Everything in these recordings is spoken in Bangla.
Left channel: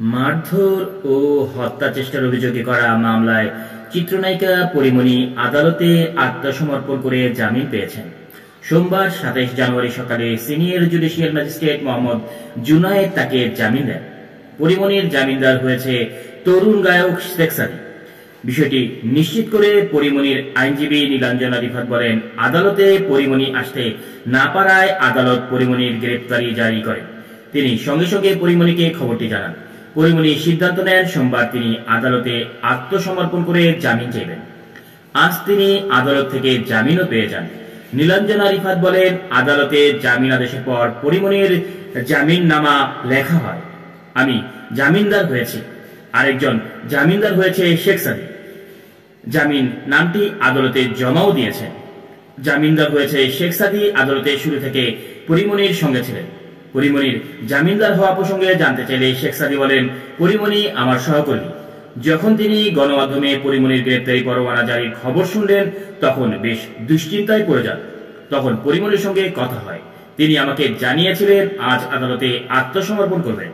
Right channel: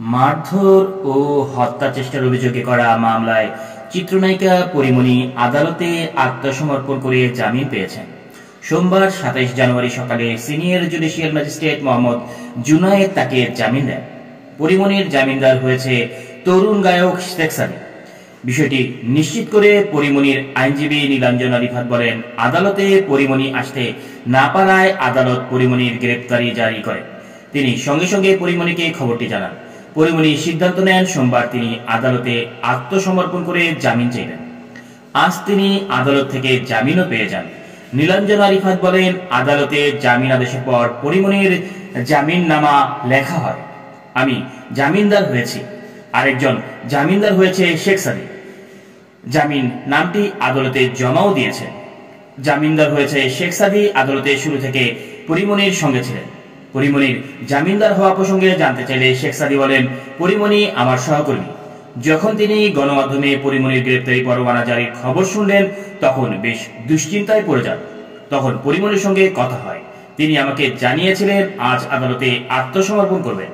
মারধর ও হত্যা চেষ্টার অভিযোগে করা মামলায় চিত্রনায়িকা পরীমনি আদালতে আত্মসমর্পণ করে জামিন পেয়েছেন। সোমবার ২৭ জানুয়ারি সকালে senior judicial magistrate Mohammad Junaid তাকে জামিন দেন। পরীমনির জামিনদার হয়েছে তরুণ গায়ক শেখ সাদী। বিষয়টি নিশ্চিত করে পরীমনির আইনজীবী নীলাঞ্জনা রিফাত বলেন, আদালতে পরীমনি আসতে না পারায় আদালত পরীমনির গ্রেপ্তারি জারি করেন। তিনি সঙ্গে সঙ্গে পরীমনিকে খবরটি জানান। পরীমনি সিদ্ধান্ত নেন সোমবার তিনি আদালতে আত্মসমর্পণ করে জামিন চাইবেন। আজ তিনি আদালত থেকে জামিনও পেয়ে যান। নীলাঞ্জনা রিফাত বলেন, আদালতে জামিন আদেশের পর পরীমনির জামিননামা লেখা হয়। আমি জামিনদার হয়েছি, আরেকজন জামিনদার হয়েছে শেখ সাদী। জামিন নামটি আদালতে জমাও দিয়েছেন। জামিনদার হয়েছে শেখ সাদী আদালতে শুরু থেকে পরীমনির সঙ্গে ছিলেন। পরীমনির জামিনদার হওয়া প্রসঙ্গে জানতে চাইলে শেখ সাদী বলেন, পরীমনি আমার সহকর্মী। যখন তিনি গণমাধ্যমে পরীমনির গ্রেপ্তারি পরোয়ানা জারির খবর শুনলেন তখন বেশ দুশ্চিন্তায় পড়ে যান। তখন পরীমনির সঙ্গে কথা হয়। তিনি আমাকে জানিয়েছিলেন আজ আদালতে আত্মসমর্পণ করবেন।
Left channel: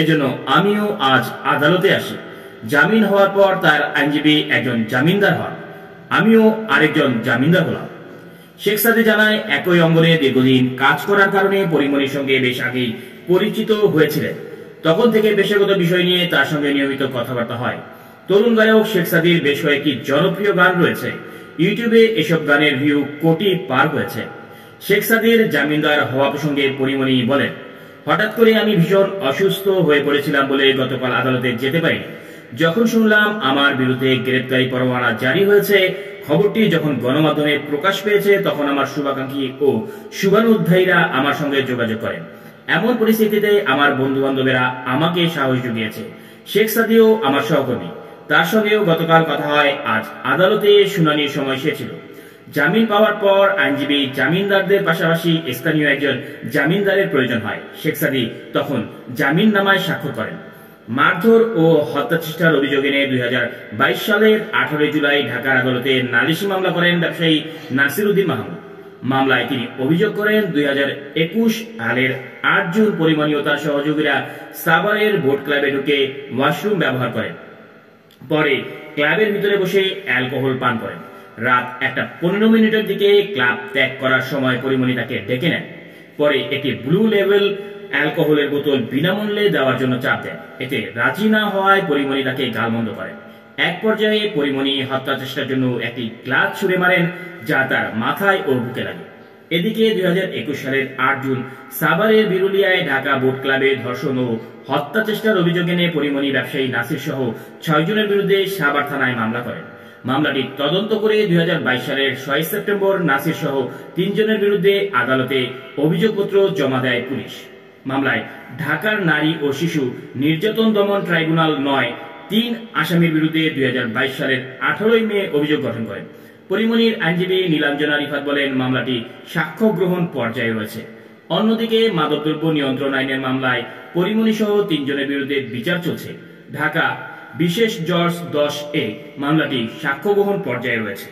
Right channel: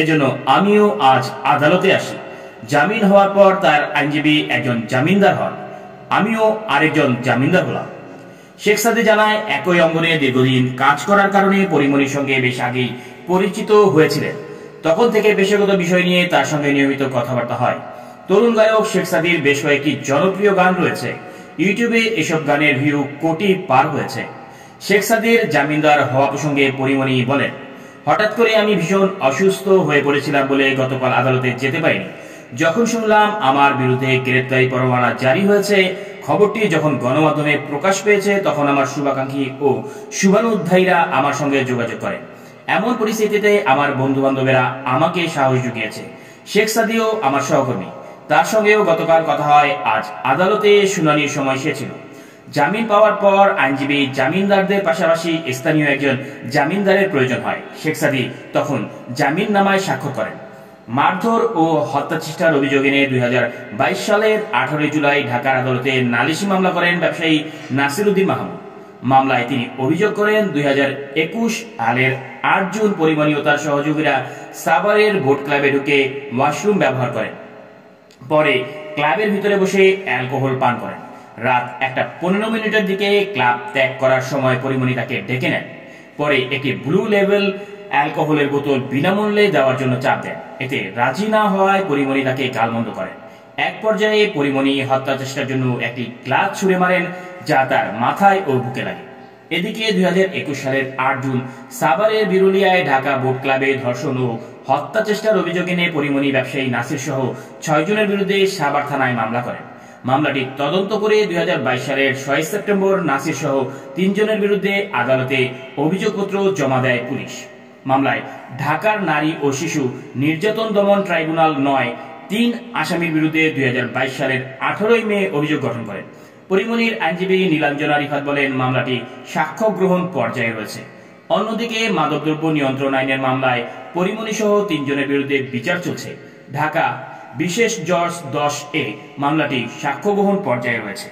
এজন্য আমিও আজ আদালতে আসি। জামিন হওয়ার পর তার আইনজীবী একজন জামিনদার হন, আমিও আরেকজন জামিনদার হলাম। শেখ সাদী জানায়, একই অঙ্গনে দীর্ঘদিন কাজ করার কারণে পরীমনির সঙ্গে বেশ আগেই পরিচিত হয়েছিলেন। তখন থেকে পেশাগত বিষয় নিয়ে তার সঙ্গে নিয়মিত কথাবার্তা হয়। তরুণ গায়ক শেখ সাদীর বেশ কয়েকটি জনপ্রিয় গান রয়েছে। ইউটিউবে এসব গানের ভিউ কোটি পার হয়েছে। শেখ সাদীর জামিনদার হওয়া প্রসঙ্গে পরীমনি বলেন, হঠাৎ করে আমি ভীষণ অসুস্থ হয়ে পড়েছিলাম বলে গতকাল আদালতে যেতে পারিনি। যখন শুনলাম আমার বিরুদ্ধে গ্রেপ্তারি পরোয়ানা জারি হয়েছে, খবরটি যখন গণমাধ্যমে প্রকাশ পেয়েছে, তখন আমার শুভাকাঙ্ক্ষী ও শুভানুধ্যায়ীরা আমার সঙ্গে যোগাযোগ করেন। এমন পরিস্থিতিতে আমার বন্ধু বান্ধবেরা আমাকে সাহস জুগিয়েছে। শেখ সাদীও আমার সহকর্মী, তার সঙ্গেও গতকাল কথা হয়। আজ আদালতে শুনানির সময় সে ছিল। জামিন পাওয়ার পর আইনজীবী জামিনদারদের পাশাপাশি স্থানীয় একজন জামিনদারের প্রয়োজন হয়। শেখ সাদী তখন জামিননামায় স্বাক্ষর করেন। মারধর ও হত্যা চেষ্টার অভিযোগে নিয়ে ২০২২ সালের ১৮ জুলাই ঢাকার আদালতে নালিশি মামলা করেন ব্যবসায়ী নাসির উদ্দিন মাহমুদ। মামলায় তিনি অভিযোগ করেন ২০২১ সালের ৮ জুন পরীমনি ও তার সহযোগীরা সাভারের ভোট ক্লাবে ঢুকে ওয়াশরুম ব্যবহার করেন। পরে ক্লাবের ভিতরে বসে অ্যালকোহল পান করেন। রাত ১:১৫ দিকে ক্লাব ত্যাগ করার সময় পরীমনি তাকে ডেকে নেন। পরে একটি ব্লু লেভেল অ্যালকোহলের বোতল বিনামূল্যে দেওয়ার জন্য চাপ দেন। এতে রাজি না হওয়ায় পরীমনি তাকে গালমন্দ করেন। এক পর্যায়ে পরীমনি হত্যা চেষ্টার জন্য একটি গ্লাস ছুঁড়ে মারেন, যা তার মাথায় ও বুকে লাগে। এদিকে ২০২১ সালের ৮ জুন সাভারের বিরুলিয়ায় ঢাকা বোট ক্লাবে ধর্ষণ ও হত্যা চেষ্টার অভিযোগে নিয়ে পরীমনি ব্যবসায়ী নাসির সহ ৬ জনের বিরুদ্ধে সাভার থানায় মামলা করেন। মামলাটি তদন্ত করে ২০২২ সালের ৬ সেপ্টেম্বর নাসির সহ ৩ জনের বিরুদ্ধে আদালতে অভিযোগপত্র জমা দেয় পুলিশ। মামলায় ঢাকার নারী ও শিশু নির্যাতন দমন ট্রাইব্যুনাল ৯ আসামির বিরুদ্ধে ২০২২ সালের ১৮ মে অভিযোগ গঠন করেন। পরীমনির আইনজীবী নীলাঞ্জনা রিফাত বলেন, মামলাটি সাক্ষ্য গ্রহণ পর্যায়ে রয়েছে। অন্যদিকে মাদকদ্রব্য নিয়ন্ত্রণ আইনের মামলায় পরীমনি সহ ৩ জনের বিরুদ্ধে বিচার চলছে। ঢাকা বিশেষ জজ ১০ মামলাটি সাক্ষ্য গ্রহণ পর্যায়ে রয়েছে।